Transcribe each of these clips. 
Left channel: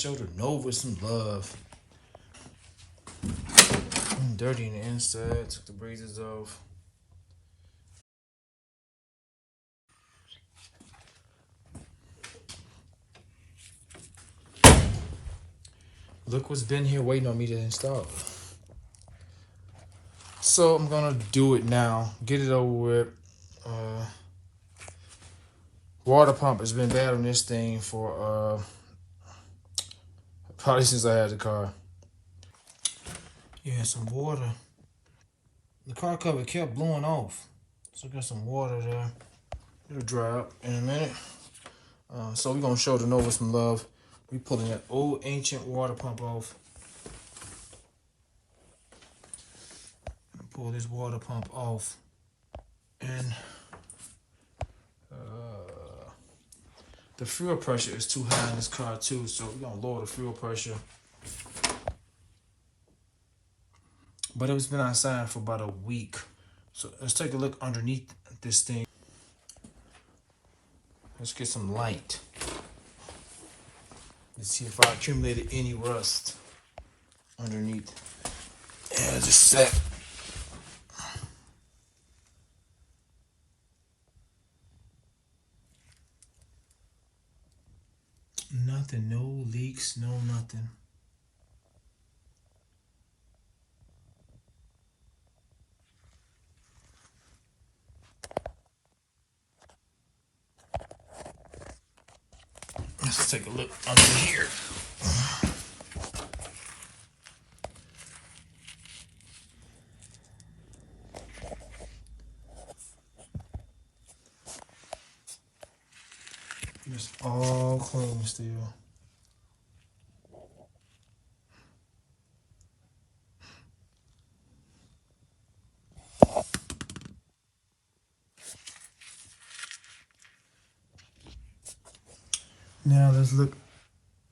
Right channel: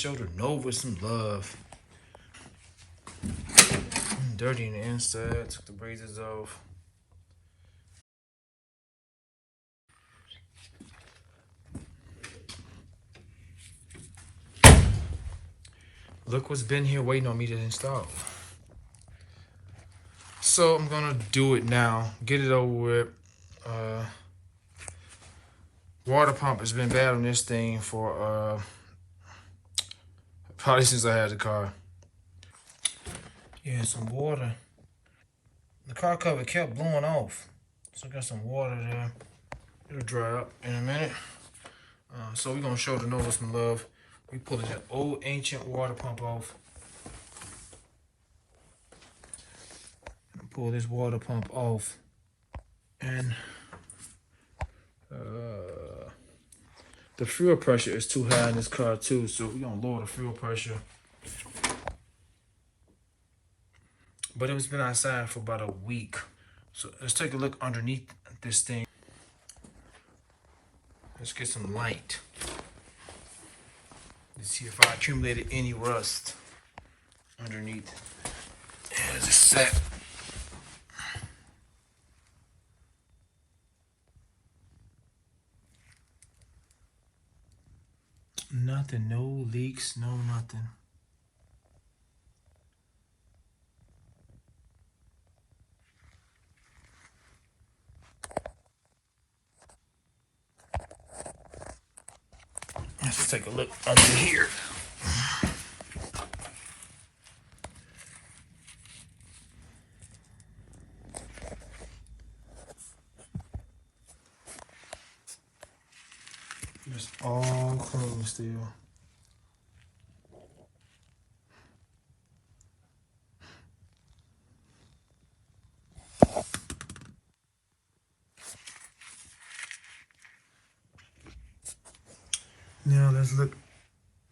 show the Nova some love. Dirty in the inside. Took the braces off. Look what's been here waiting on me to install. So I'm gonna do it now. Get it over with. Water pump has been bad on this thing for probably since I had the car. Yeah, some water. The car cover kept blowing off. So I got some water there. It'll dry up in a minute. So we're gonna show the Nova some love. We pulling that old ancient water pump off. Pull this water pump off. And the fuel pressure is too high in this car too, so we're gonna lower the fuel pressure. But it's been outside for about a week. So let's take a look underneath this thing. Let's get some light. Let's see if I accumulated any rust underneath. And it's just set. Nothing, no leaks, no nothing. Let's take a look under here. It's all clean still. Now let's look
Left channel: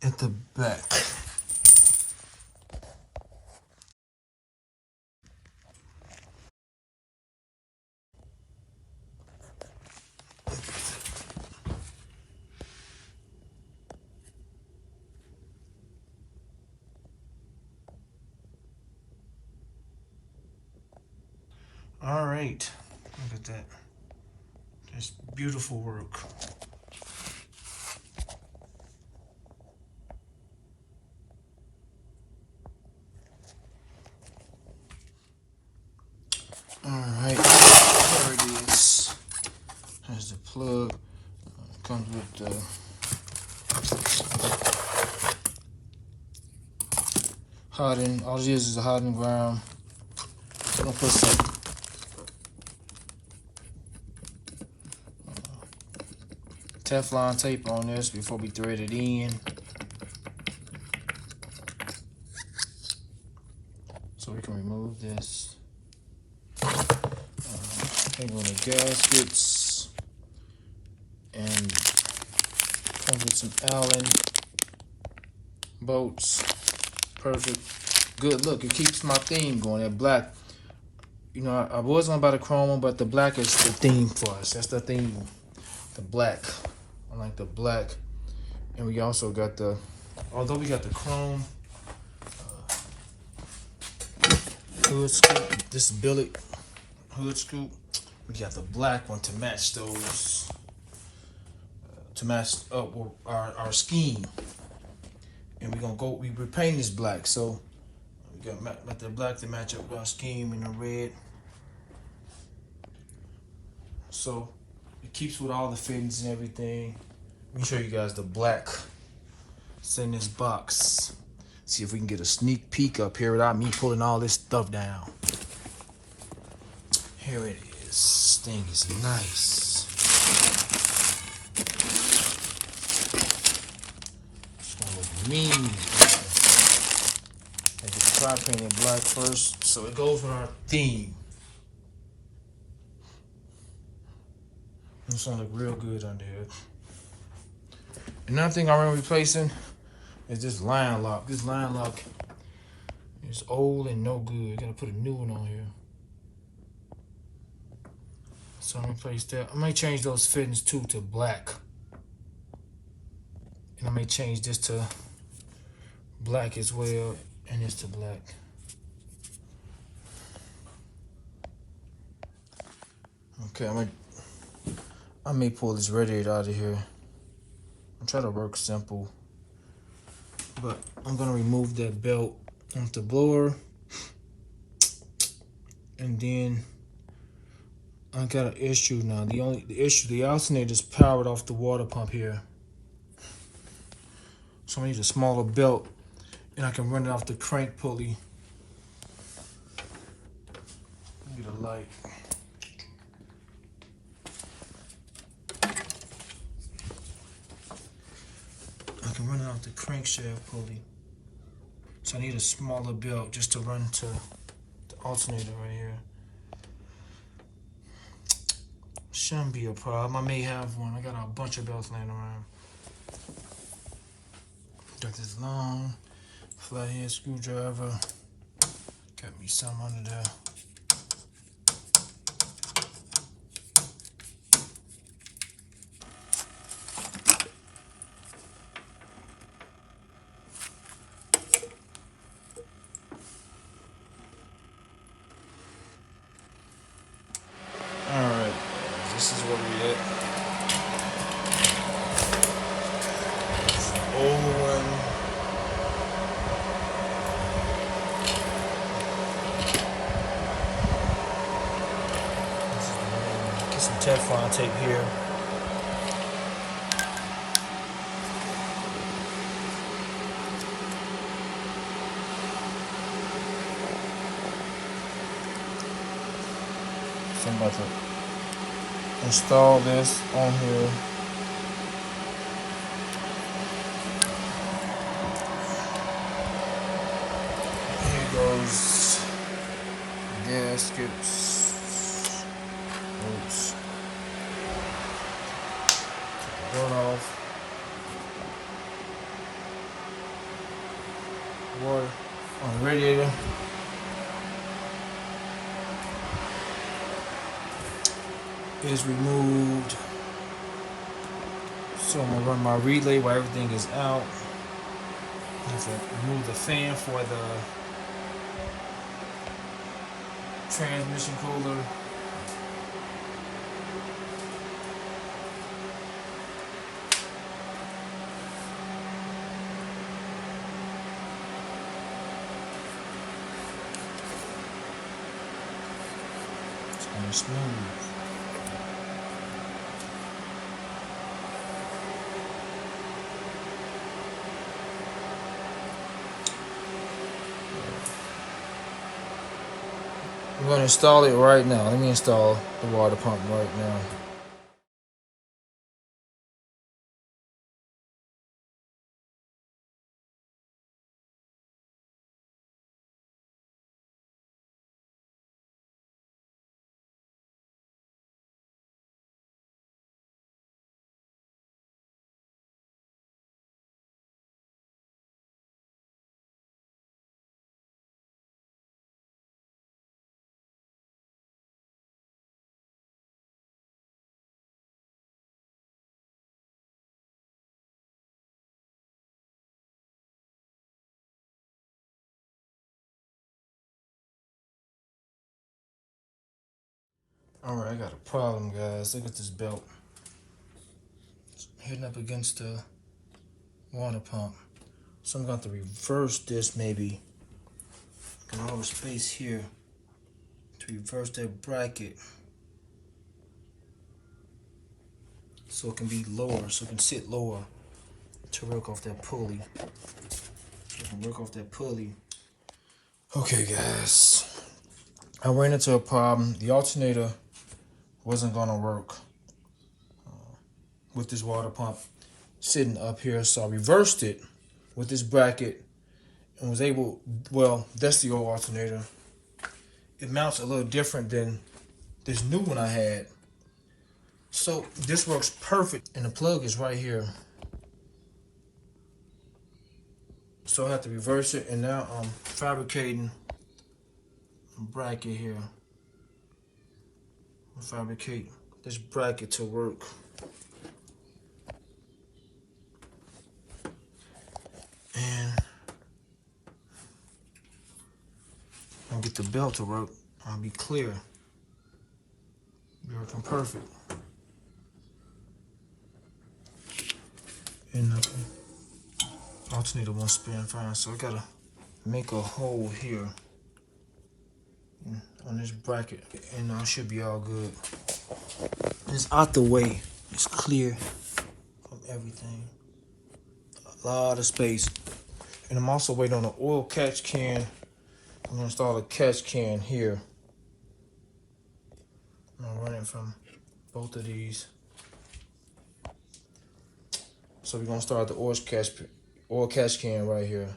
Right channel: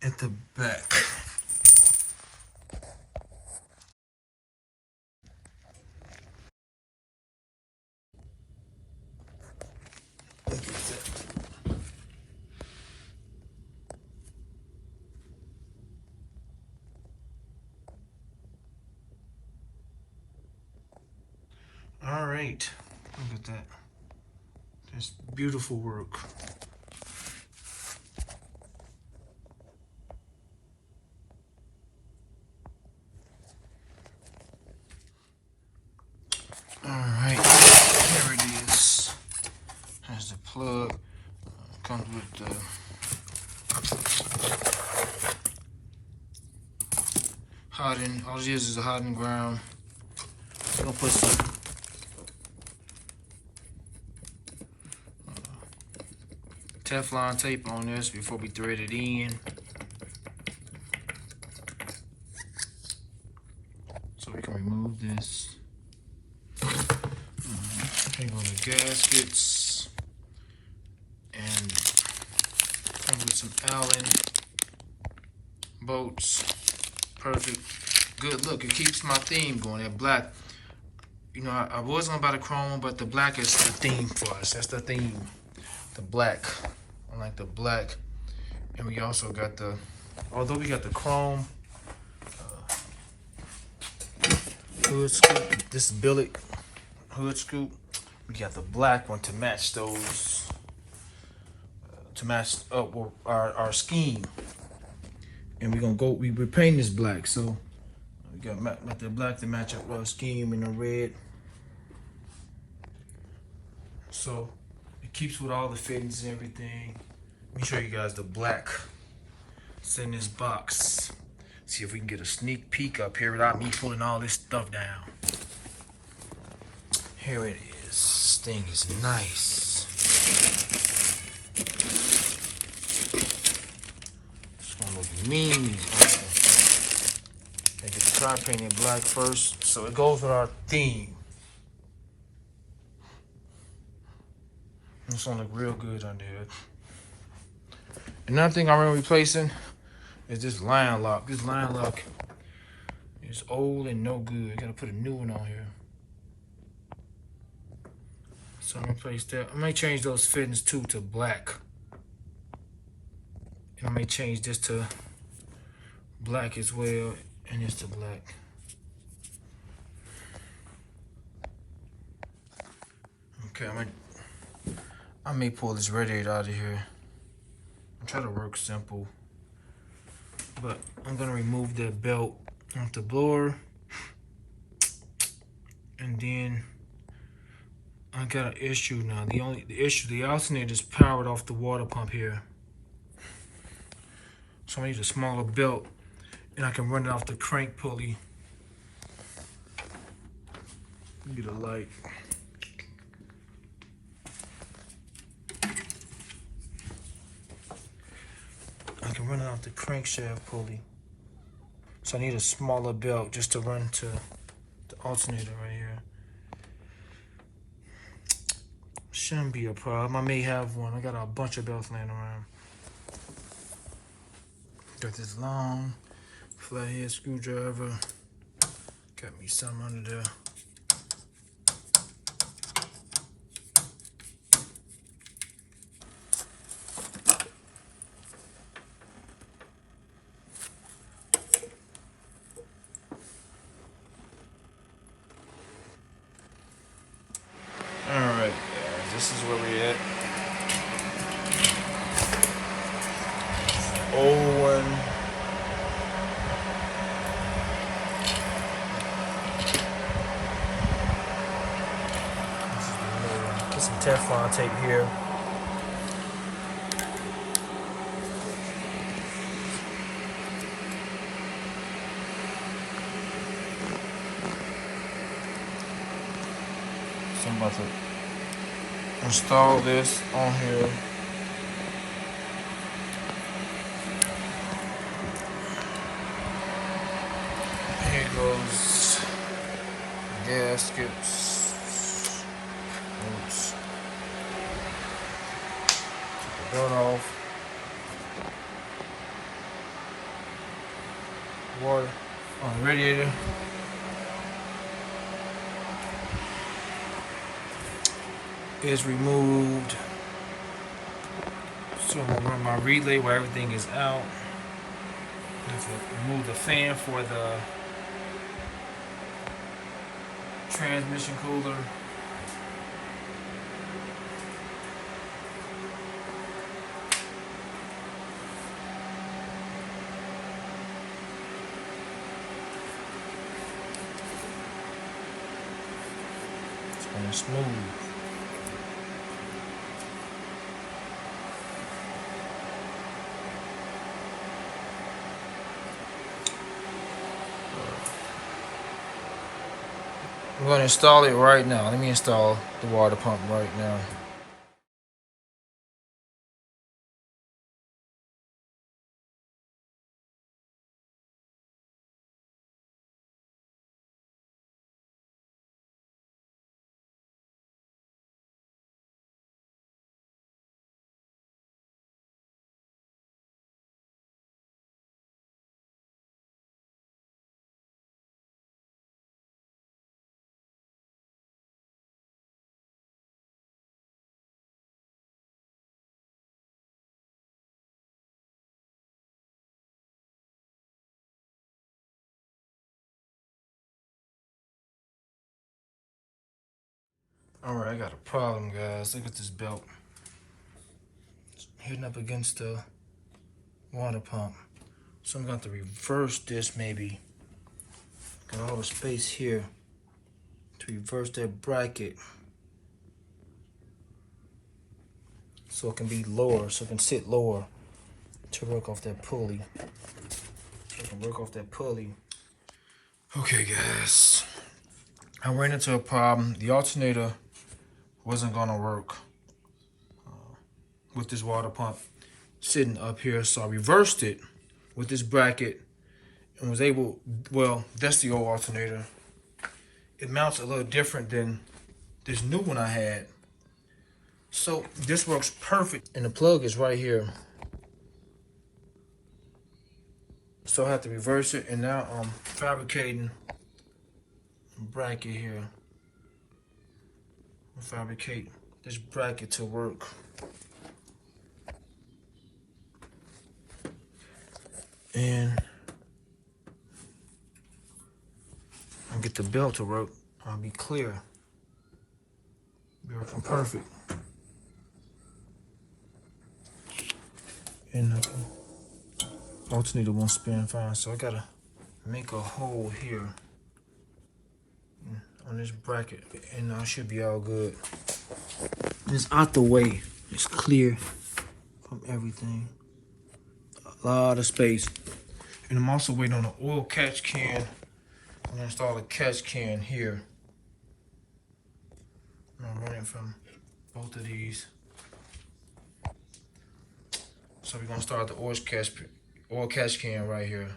at the back. All right, look at that. That's beautiful work. All right, here it is. Has the plug. Comes with the hardened. All it is a hardened ground. I'm gonna put some Teflon tape on this before we thread it in. So we can remove this. Hang on the gaskets. And come with some Allen bolts. Perfect. Good look. It keeps my theme going. That black. You know, I was gonna buy the chrome one, but the black is the theme for us. That's the theme. The black. I like the black. And we also got the, although we got the chrome hood scoop, this billet hood scoop, we got the black one to match those, to match up our scheme. And we're gonna go, we're painting this black, so we got the black to match up with our scheme in the red. So it keeps with all the fittings and everything. Let me show you guys the black. It's in this box. See if we can get a sneak peek up here without me pulling all this stuff down. Here it is. This thing is nice. It's gonna look mean. I get the try painted black first, so it goes with our theme. It's gonna look real good on there. Another thing I'm replacing is this line lock. This line lock is old and no good. Gotta put a new one on here. So I'm gonna replace that. I may change those fittings too to black. And I may change this to black as well, and it's the black. Okay, I may pull this radiator out of here. I'm trying to work simple, but I'm gonna remove that belt off the blower, and then I got an issue now. The alternator is powered off the water pump here, so I need a smaller belt, and I can run it off the crank pulley. Get a light. I can run it off the crankshaft pulley. So I need a smaller belt just to run to the alternator right here. Shouldn't be a problem. I may have one. I got a bunch of belts laying around. Got this long flathead screwdriver. Got me some under there. Alright, this is where we at. Old one. Get some Teflon tape here. So I'm about to install this on here. Here goes gaskets. Oops. Take the gun off. Water on the radiator. Is removed. So I'm gonna run my relay while everything is out. I have to remove the fan for the transmission cooler. It's gonna be smooth. I'm going to install it right now. Let me install the water pump right now. Alright, I got a problem, guys. Look at this belt. It's hitting up against the water pump. So I'm going to reverse this maybe. Got all the space here to reverse that bracket so it can be lower, so it can sit lower to work off that pulley. So it can work off that pulley. Okay, guys. I ran into a problem. The alternator wasn't gonna work with this water pump sitting up here, so I reversed it with this bracket and was able, well, that's the old alternator. It mounts a little different than this new one I had. So this works perfect, and the plug is right here. So I have to reverse it, and now I'm fabricating a bracket here. I'll fabricate this bracket to work. And the belt to work, I'll be clear. Be working perfect. And alternator won't spin fine, so I gotta make a hole here on this bracket, and I should be all good. And it's out the way. It's clear from everything. A lot of space. And I'm also waiting on an oil catch can. I'm gonna install a catch can here. I'm running from both of these. So we're gonna start the oil catch can right here.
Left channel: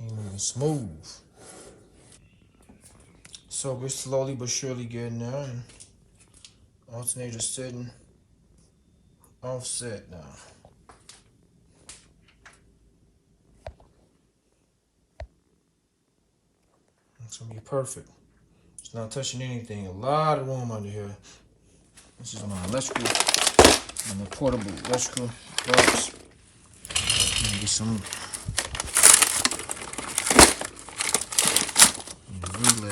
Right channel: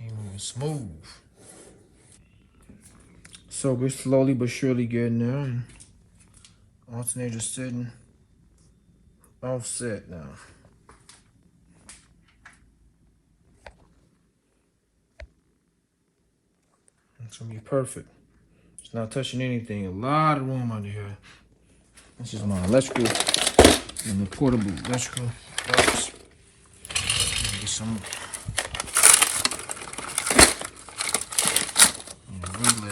Moving smooth. So we're slowly but surely getting there, and alternator sitting offset now. It's gonna be perfect. It's not touching anything. A lot of room under here. This is my electrical and the portable electrical box. Get some relay.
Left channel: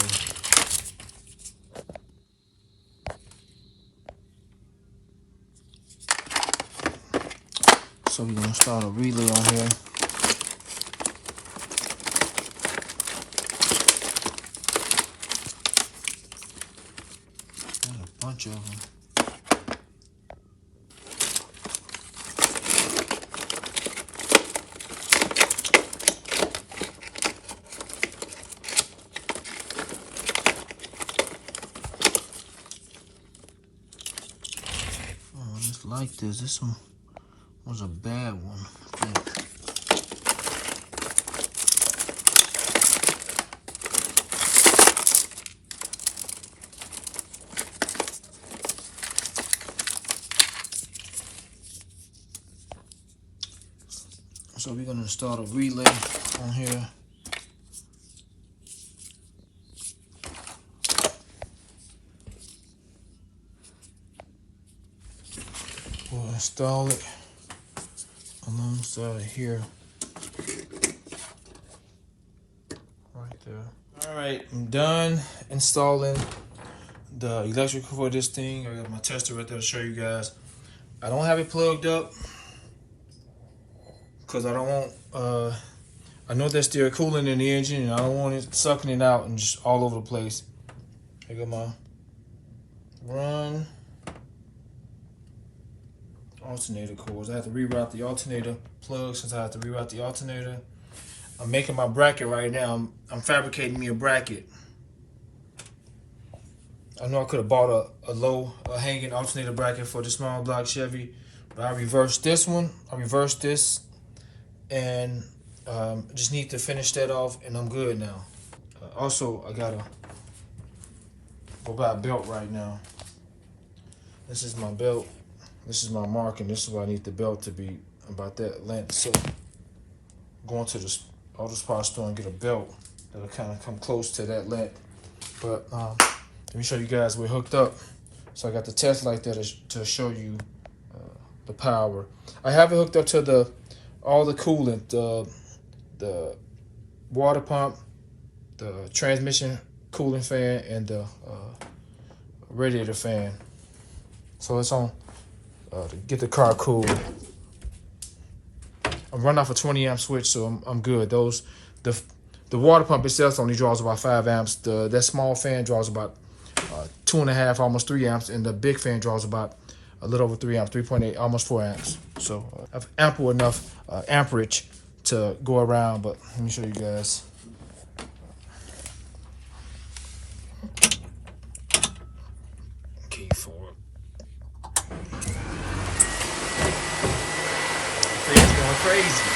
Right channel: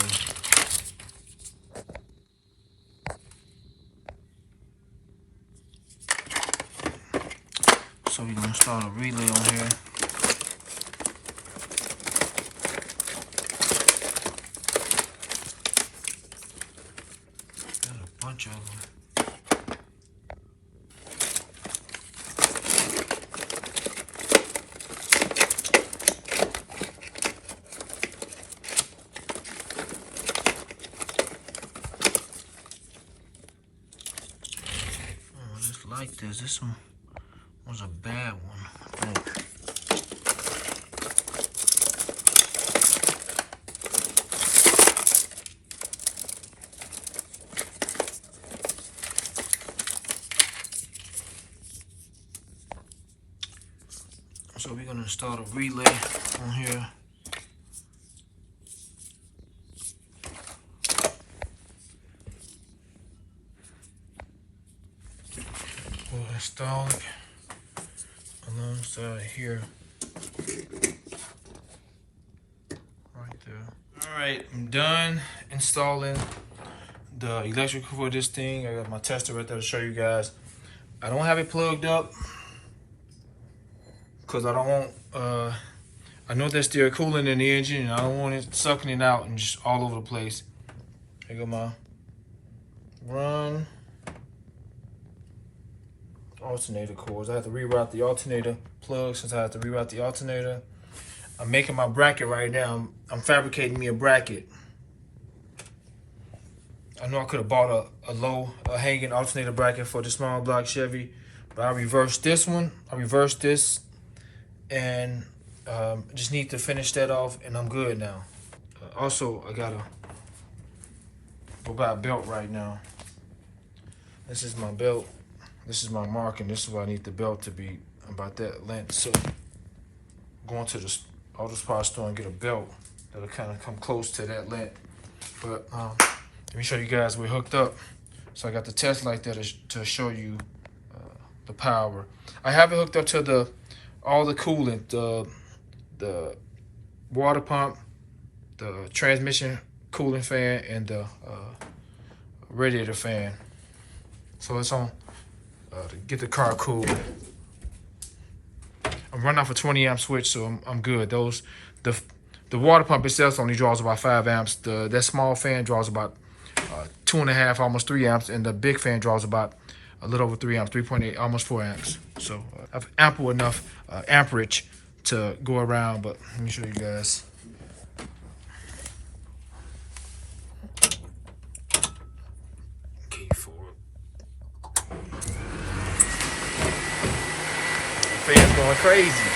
So we're gonna start a relay on here. Got a bunch of them. Like this. This one was a bad one, I think. So we're gonna start a relay on here. We'll install it alongside here, right there. All right, I'm done installing the electrical for this thing. I got my tester right there to show you guys. I don't have it plugged up because I don't want, I know there's still coolant in the engine, and I don't want it sucking it out and just all over the place. Here go my run alternator cords. I have to reroute the alternator plug since I have to reroute the alternator. I'm making my bracket right now. I'm fabricating me a bracket. I know I could have bought a low hanging alternator bracket for the small block Chevy, but I reversed this one. I reversed this, and just need to finish that off, and I'm good now. Also, I gotta go buy a belt right now. This is my belt. This is my mark, and this is where I need the belt to be, about that length. So going to the auto parts store and get a belt that'll kind of come close to that length. But let me show you guys we're hooked up. So I got the test light there to show you the power. I have it hooked up to all the coolant, the water pump, the transmission cooling fan, and the radiator fan. So it's on to get the car cool. I'm running off a 20 amp switch, so I'm good. The water pump itself only draws about 5 amps. That small fan draws about 2.5, almost 3 amps, and the big fan draws about a little over 3 amps, 3.8, almost 4 amps. So I have ample enough amperage to go around. But let me show you guys. Key for it. The fan's going crazy.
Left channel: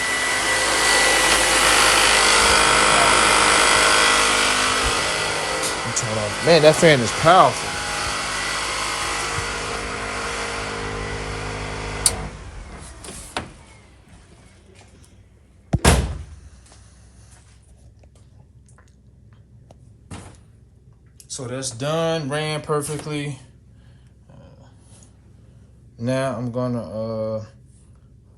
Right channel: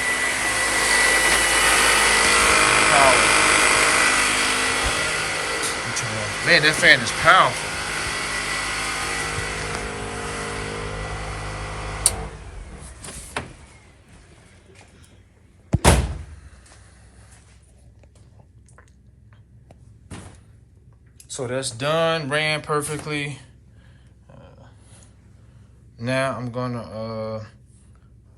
Man, that fan is powerful. So that's done, ran perfectly. Now I'm gonna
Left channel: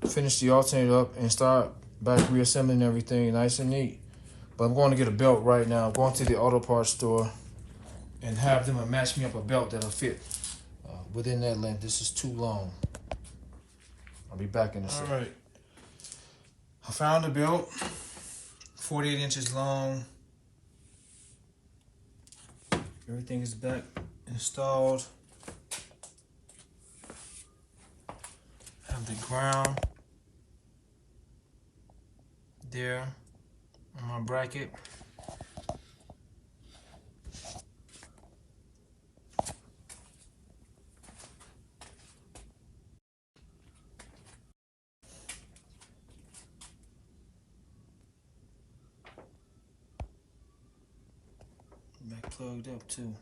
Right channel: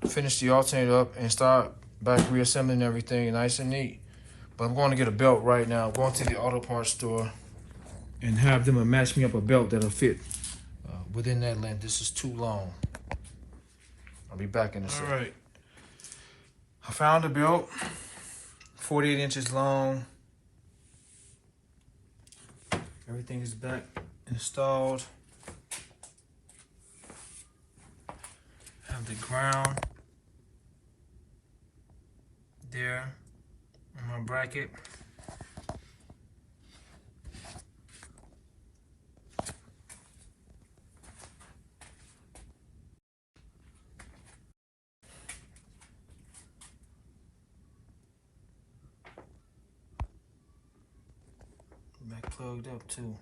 finish the alternator up and start Back reassembling everything nice and neat. But I'm going to get a belt right now. I'm going to the auto parts store and have them match me up a belt that'll fit within that length. This is too long. I'll be back in a second. All right. I found a belt, 48 inches long. Everything is back installed. Have the ground there on my bracket. Back plugged up too.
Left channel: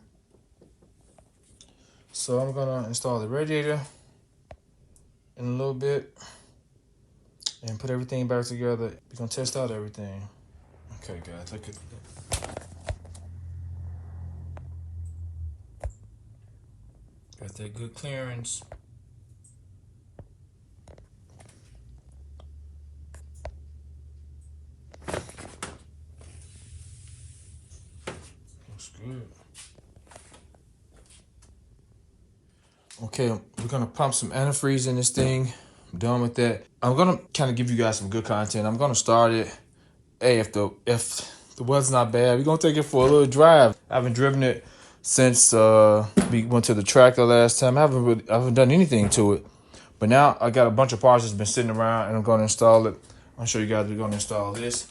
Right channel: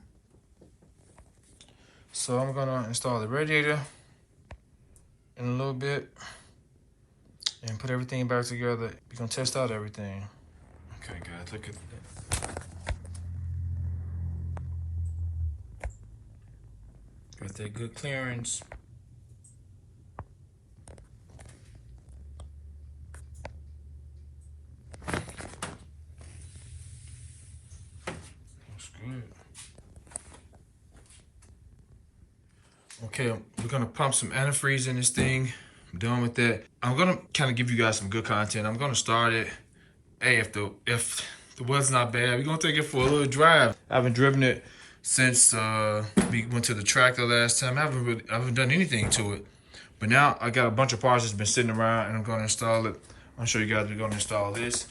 So I'm gonna install the radiator in a little bit and put everything back together. We're gonna test out everything. Okay guys, look at that. Got that good clearance. Looks good. Okay, we're gonna pump some antifreeze in this thing. I'm done with that. I'm gonna kind of give you guys some good content. I'm gonna start it. Hey, if the weather's not bad, we're gonna take it for a little drive. I haven't driven it since we went to the tracker last time. I haven't done anything to it. But now I got a bunch of parts that's been sitting around and I'm gonna install it. I'll show you guys we're gonna install this.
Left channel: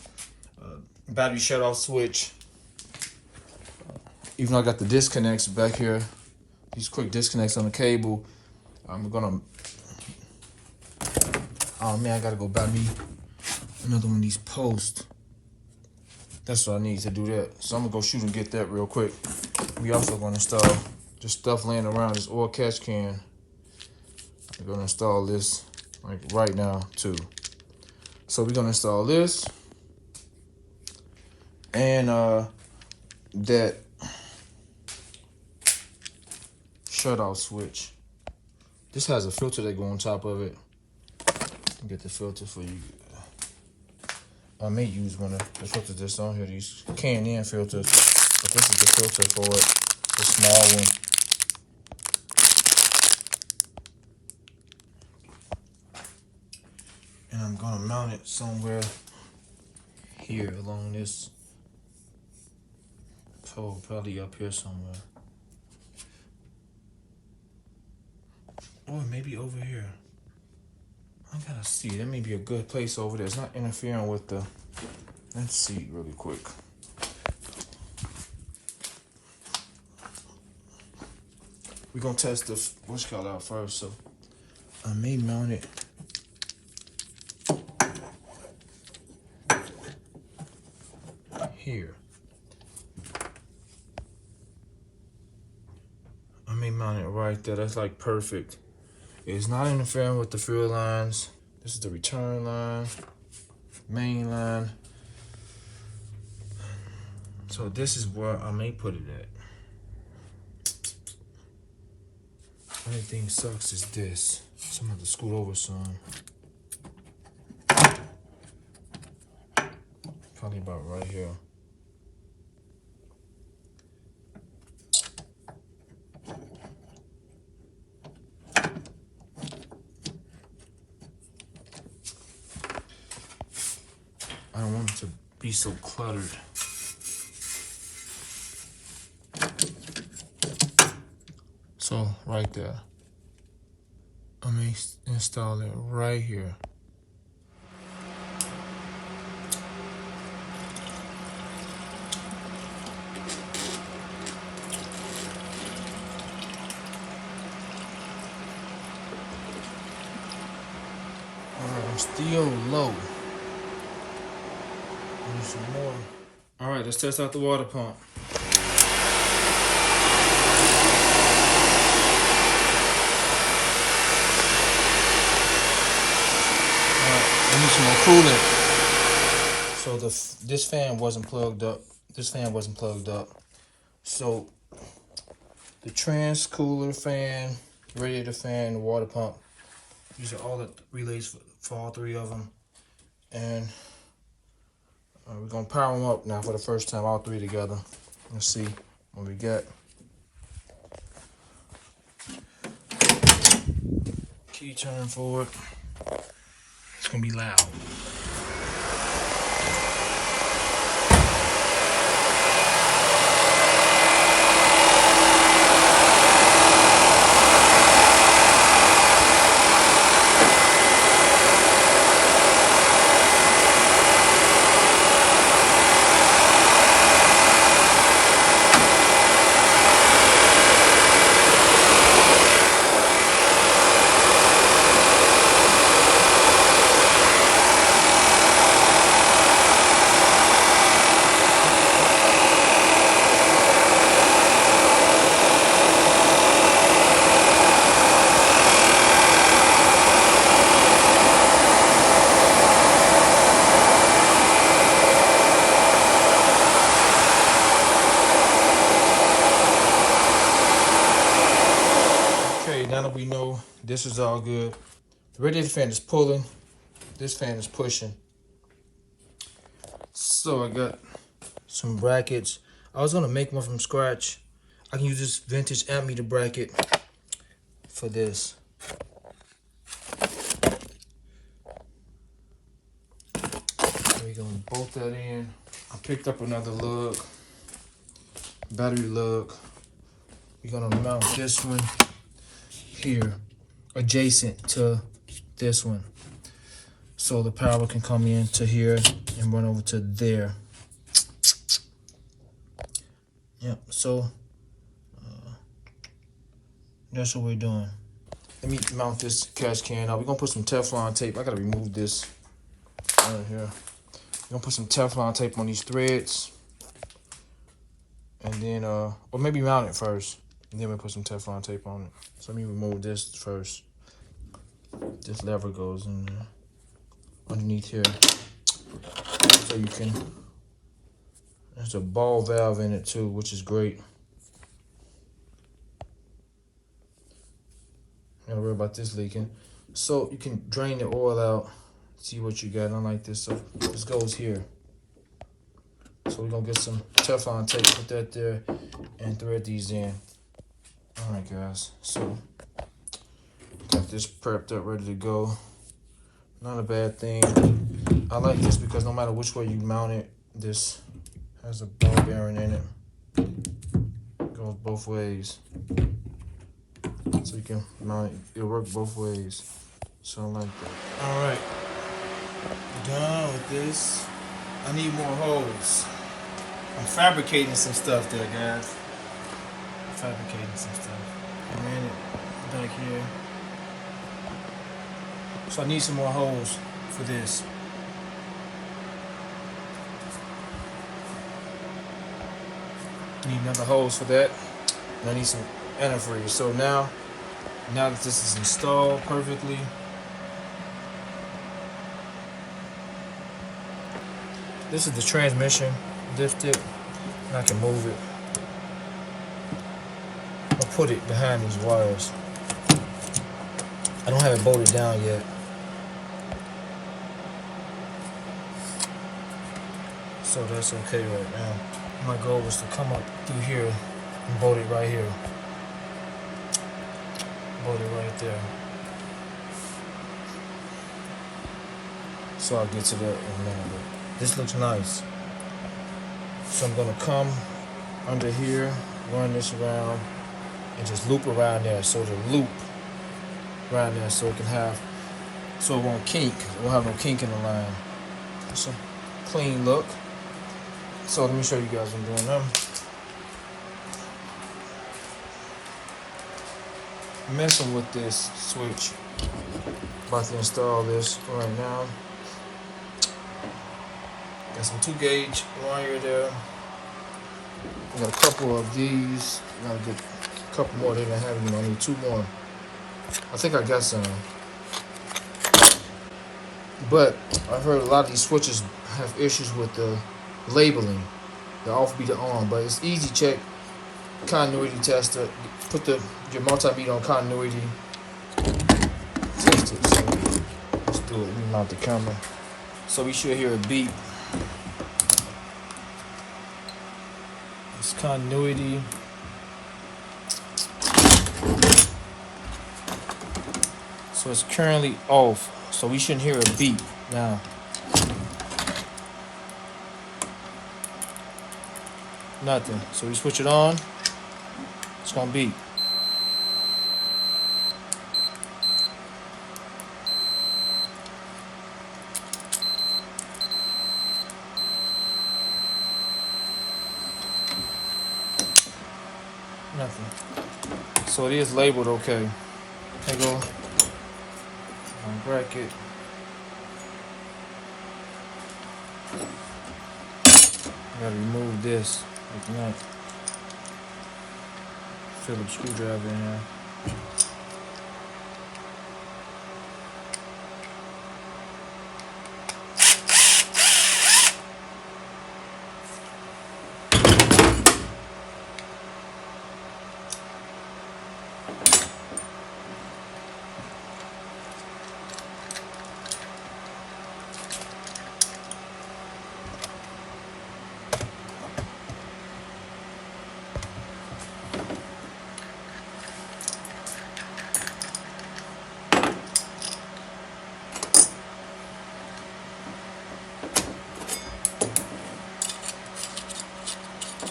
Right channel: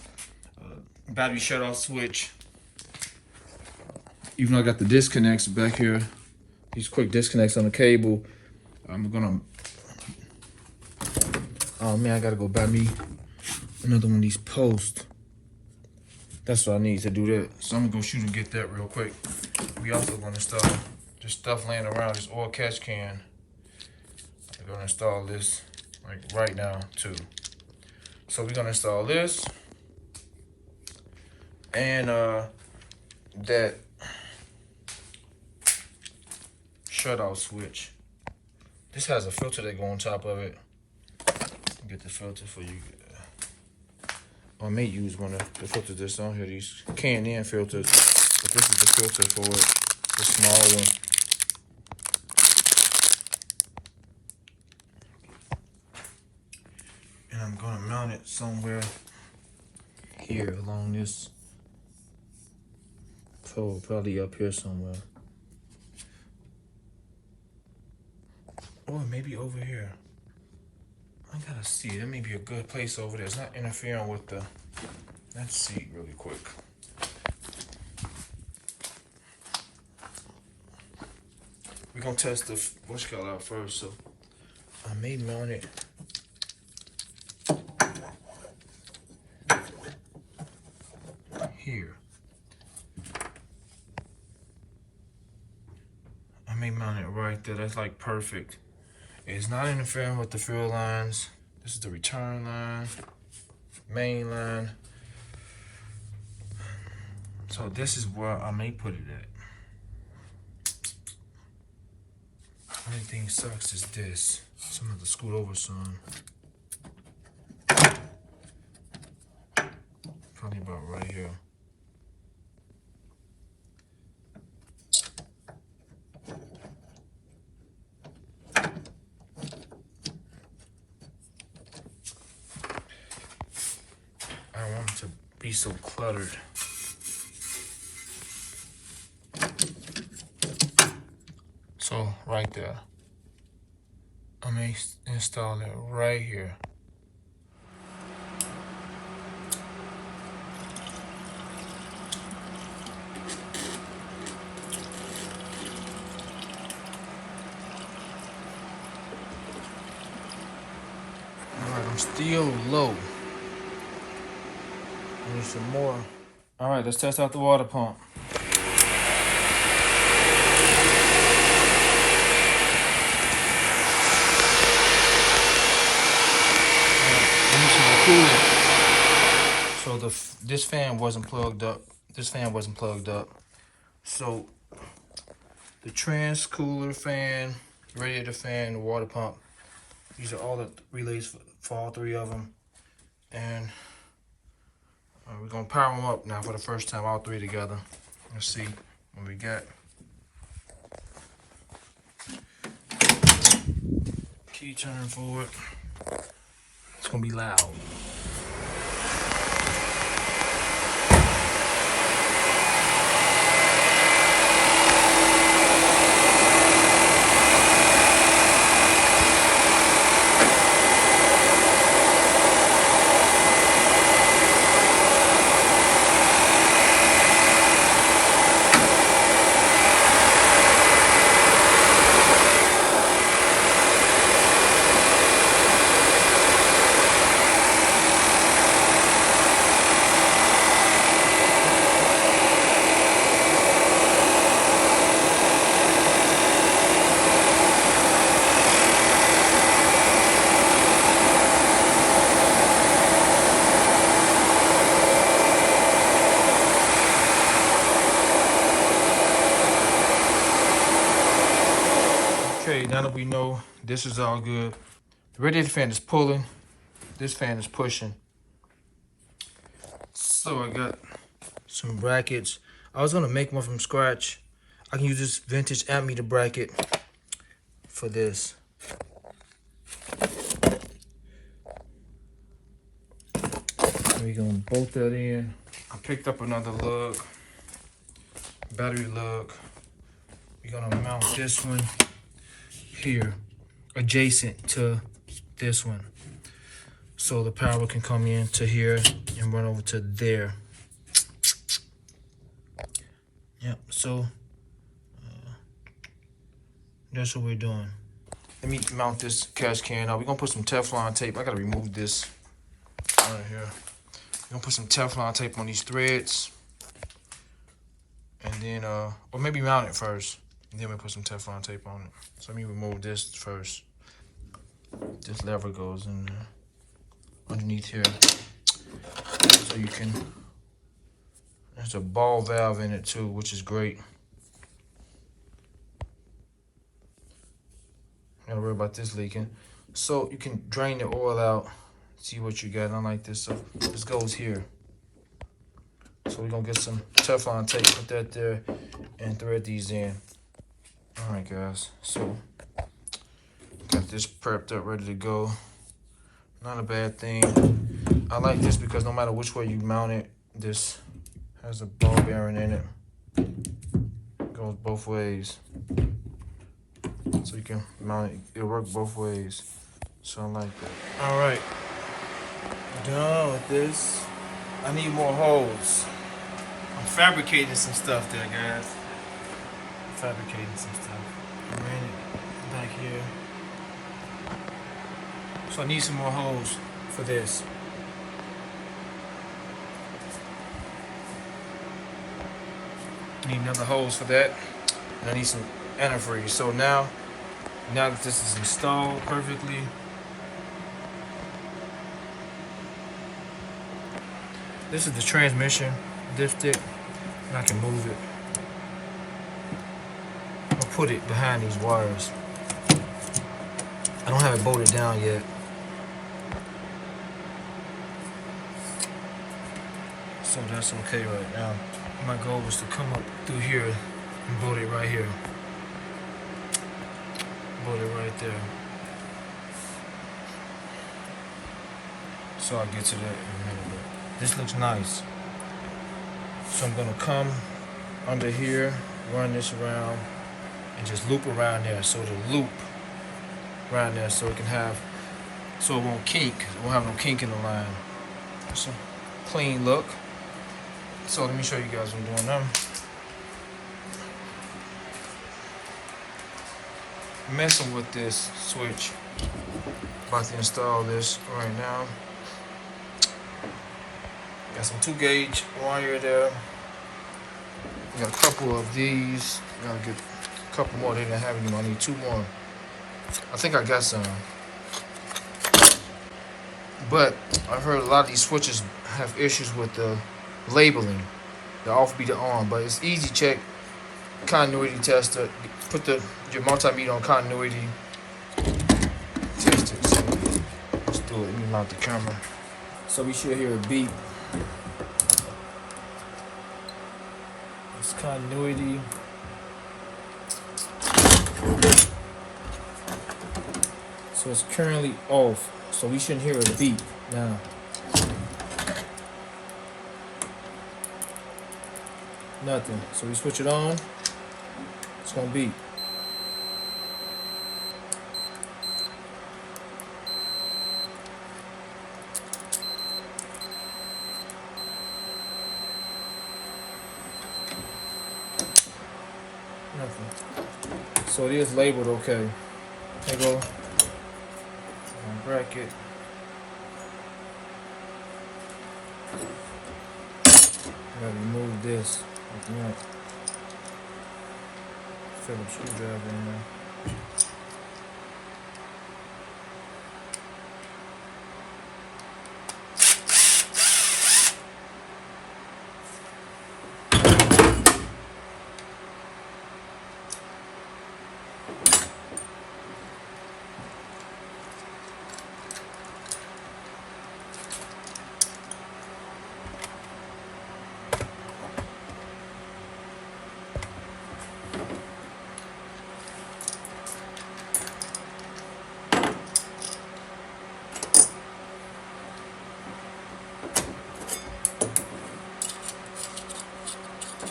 Battery shut-off switch. Even though I got the disconnects back here, these quick disconnects on the cable, I'm gonna, oh man, I gotta go buy me another one of these posts. That's what I need to do that. So I'm gonna go shoot and get that real quick. We also gonna install just stuff laying around, this oil catch can. We're gonna install this like right now too. So we're gonna install this and that shut-off switch. This has a filter that go on top of it. Get the filter for you. I may use one of the filters that's on here, these K&N filters, but this is the filter for it, the small one. And I'm gonna mount it somewhere here along this pole, probably up here somewhere. Or maybe over here. I gotta see, that may be a good place over there. It's not interfering with the, let's see really quick. We're gonna test the whatchamacallit out first, so I may mount it here. I may mount it right there, that's like perfect. It's not interfering with the fuel lines. This is the return line, main line. So this is where I may put it at. Only thing sucks is this. So I'm gonna have to scoot over some. Probably about right here. Be so cluttered. So right there, I may install it right here. All right, I'm still low. Need some more. All right, let's test out the water pump. All right, I need some coolant. So this fan wasn't plugged up. This fan wasn't plugged up. So the trans cooler fan, radiator fan, the water pump. These are all the relays for all three of them. And we're gonna power them up now for the first time, all three together. Let's see what we got. Key turn forward. It's gonna be loud. Okay, now that we know this is all good, the radiator fan is pulling, this fan is pushing. So I got some brackets. I was gonna make one from scratch. I can use this vintage ammeter bracket for this. We're gonna bolt that in. I picked up another lug, battery lug. We're gonna mount this one here, adjacent to this one, so the power can come in to here and run over to there. Yep, so that's what we're doing. Let me mount this catch can. Now we're gonna put some Teflon tape. I gotta remove this right here. We're gonna put some Teflon tape on these threads, and then or maybe mount it first, and then we'll put some Teflon tape on it. So let me remove this first. This lever goes in there, underneath here. So you can, there's a ball valve in it too, which is great. Gotta worry about this leaking. So you can drain the oil out, see what you got, unlike this. So this goes here. So we're gonna get some Teflon tape, put that there, and thread these in. All right, guys, so got this prepped up, ready to go. Not a bad thing. I like this because no matter which way you mount it, this has a ball bearing in it. It goes both ways. So you can mount it, it'll work both ways. So I like that. All right, done with this. I need more holes. I'm fabricating some stuff there, guys. Fabricating some stuff. A minute back here. So I need some more holes for this. Need another hose for that. And I need some antifreeze. So now that this is installed perfectly, this is the transmission. Lift it, and I can move it. I'll put it behind these wires. I don't have it bolted down yet. So that's okay right now. My goal was to come up through here and bolt it right here. Bolt it right there. So I'll get to that in a minute. This looks nice. So I'm gonna come under here, run this around, and just loop around there. So the loop around there, so it can have, so it won't kink. It won't have no kink in the line. It's a clean look. So let me show you guys what I'm doing now. Messing with this switch. About to install this right now. Got some 2-gauge wire there. We got a couple of these. Gotta get a couple more. They didn't have any more. I need 2 more. I think I got some. But I've heard a lot of these switches have issues with the labeling, the off beat, the on. But it's easy. Check continuity tester. Put your multimeter on continuity. Test it. So let's do it. Let me mount the camera. So we should hear a beep. It's continuity. So it's currently off. So we shouldn't hear a beep now. Nothing. So we switch it on. It's gonna beep. Nothing. So it is labeled okay. There you go. Bracket. Gotta remove this. Like that. Phillips screwdriver in there.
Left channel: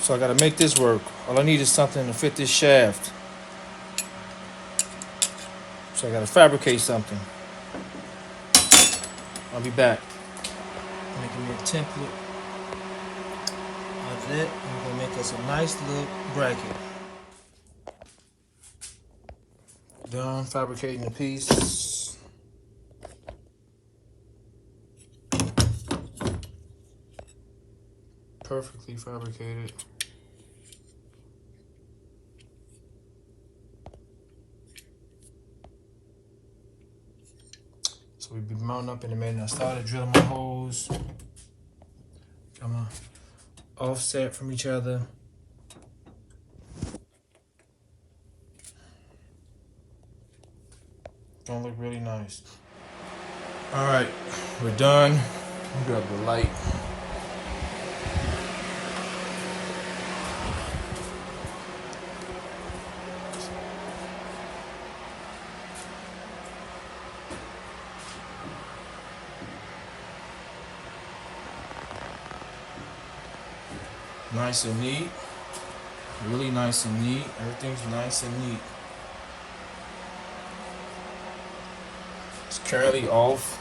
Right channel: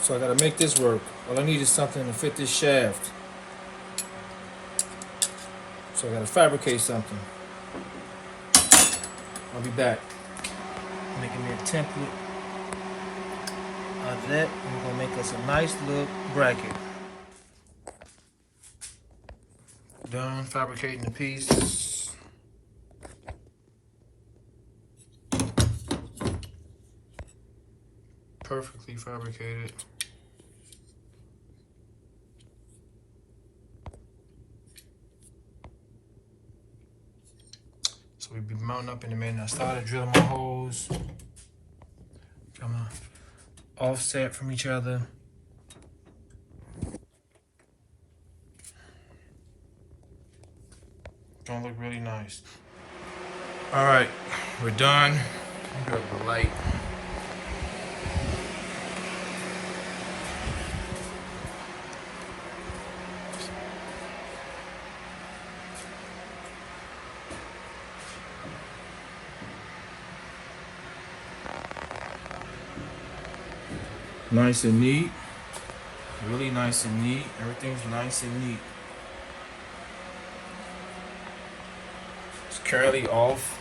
So I gotta make this work. All I need is something to fit this shaft. So I gotta fabricate something. I'll be back. Making me a template of that. I'm gonna make us a nice little bracket. Done fabricating the piece. Perfectly fabricated. So we'll be mounting up in a minute. I started drilling my holes. Come on. Offset from each other. Gonna look really nice. All right, we're done. I'll get up the light. Nice and neat. Really nice and neat. Everything's nice and neat. It's currently off.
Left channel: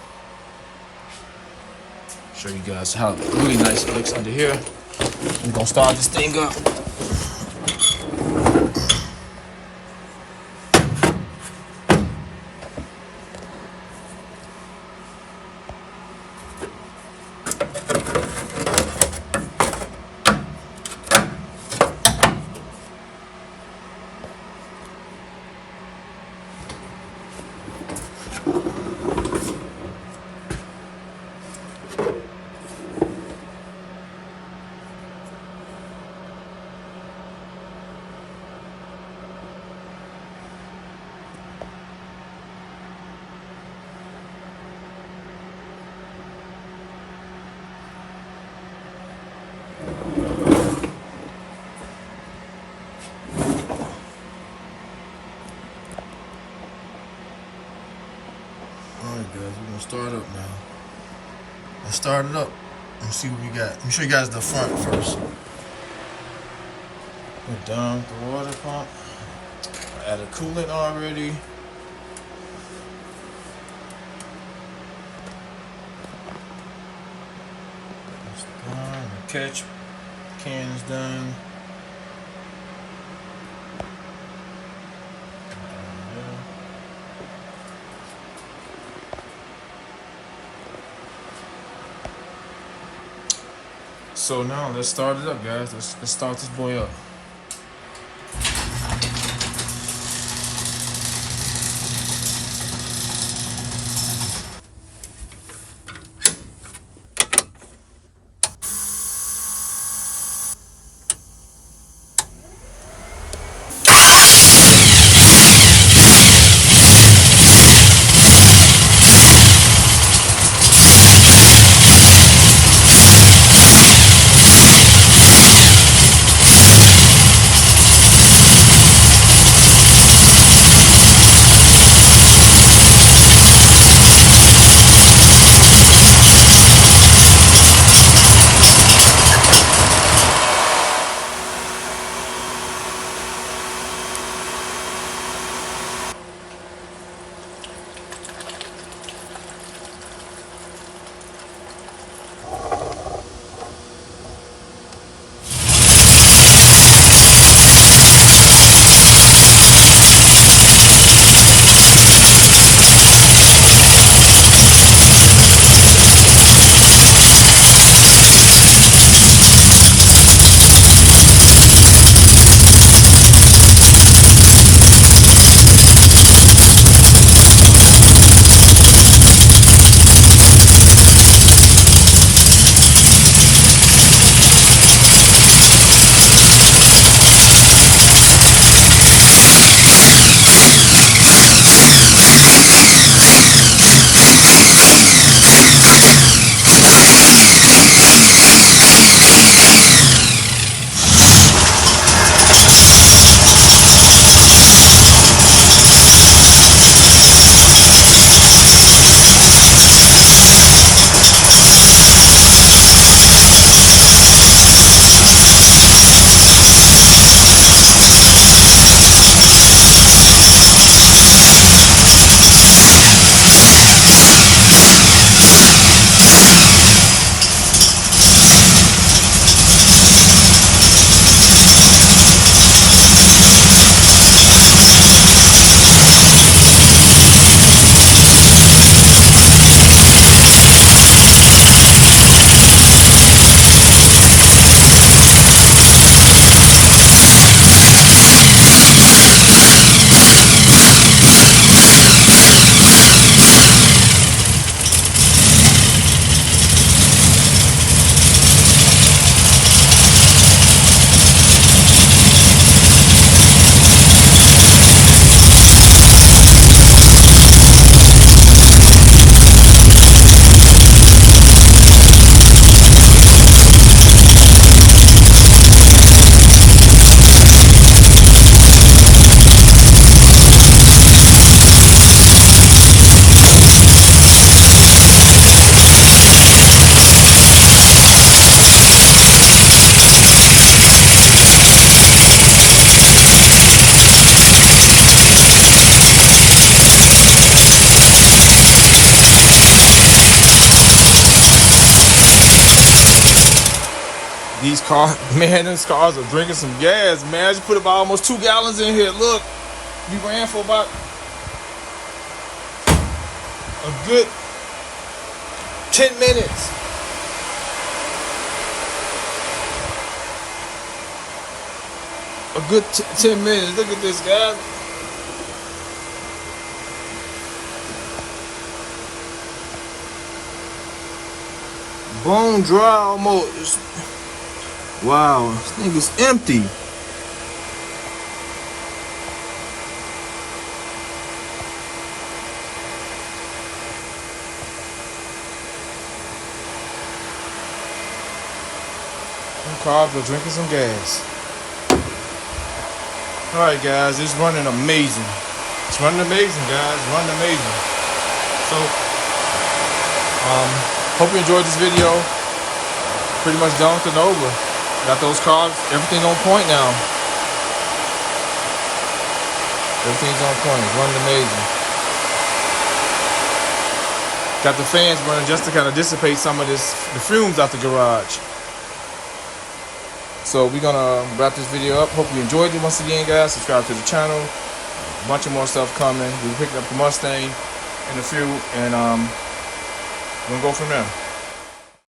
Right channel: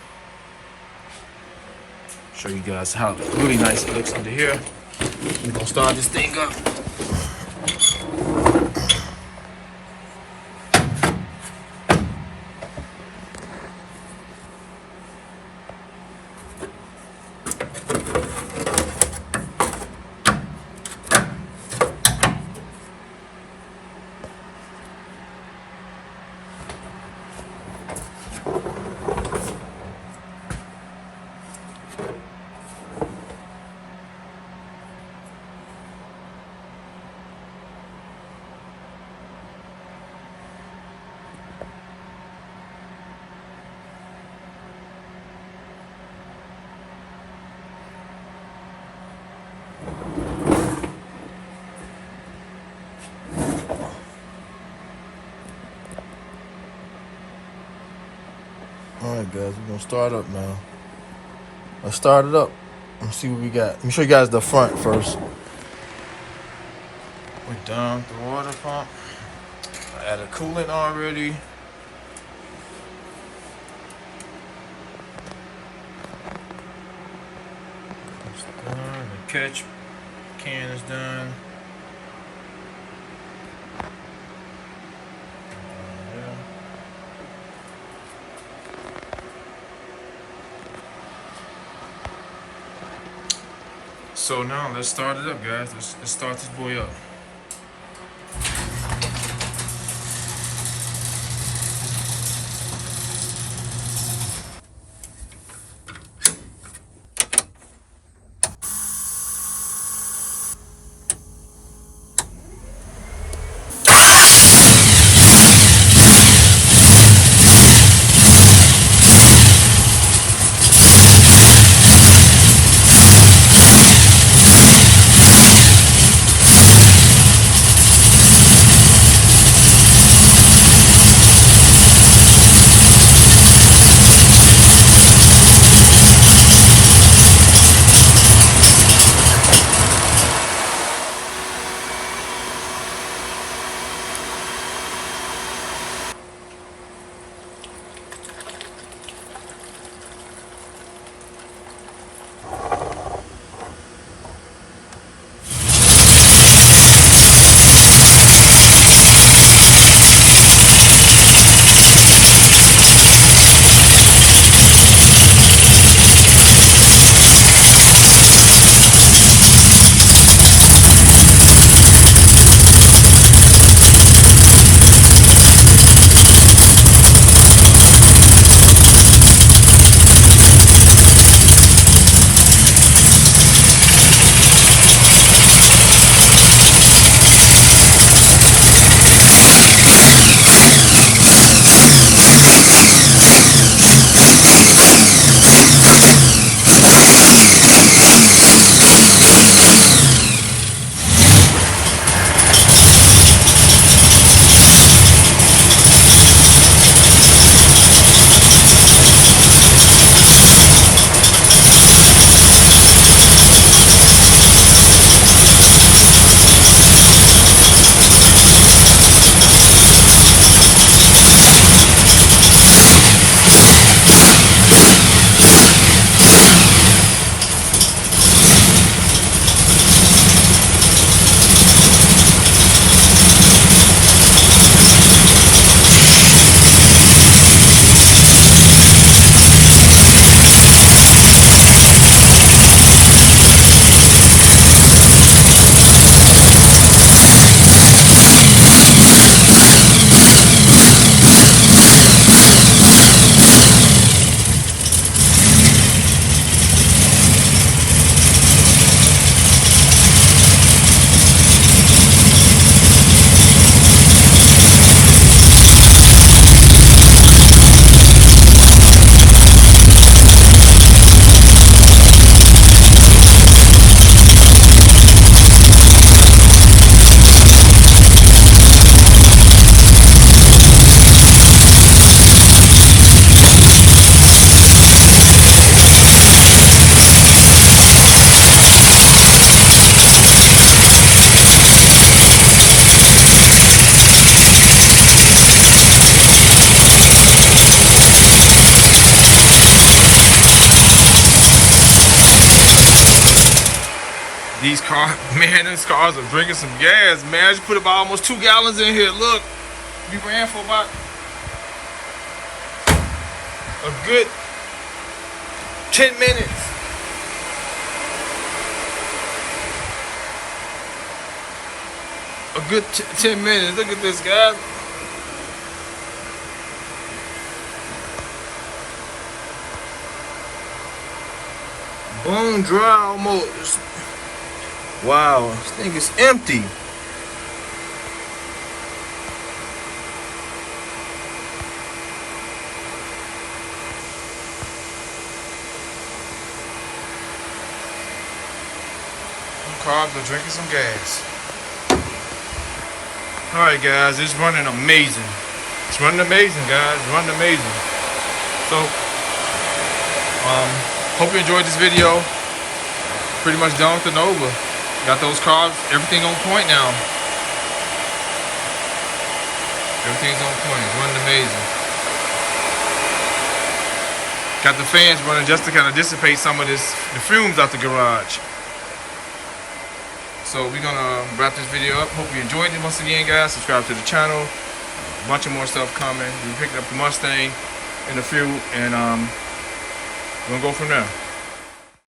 Show you guys how really nice it looks under here. We're gonna start this thing up. Alright guys, we're gonna start up now. Let's start it up. Let's see what we got. Let me show you guys the front first. We're done with the water pump. I added coolant already. It's done. The catch can is done. So now let's start it up, guys. Let's start this boy up. these cars, man, these cars are drinking some gas, man. I just put about almost 2 gallons in here. Look, we ran for about a good 10 minutes. A good 10 minutes. Look at this, guys. Bone dry almost. Wow, this thing is empty. Cars are drinking some gas. Alright guys, it's running amazing. It's running amazing, guys. It's running amazing. So, hope you enjoyed this video. Pretty much done with the Nova. Got those cars, everything on point now. Everything's on point. It's running amazing. Got the fans running just to kind of dissipate some of the fumes out the garage. So we're gonna wrap this video up. Hope you enjoyed it. Once again, guys, subscribe to the channel. A bunch of more stuff coming. We're picking up the Mustang in a few, and we're gonna go from there.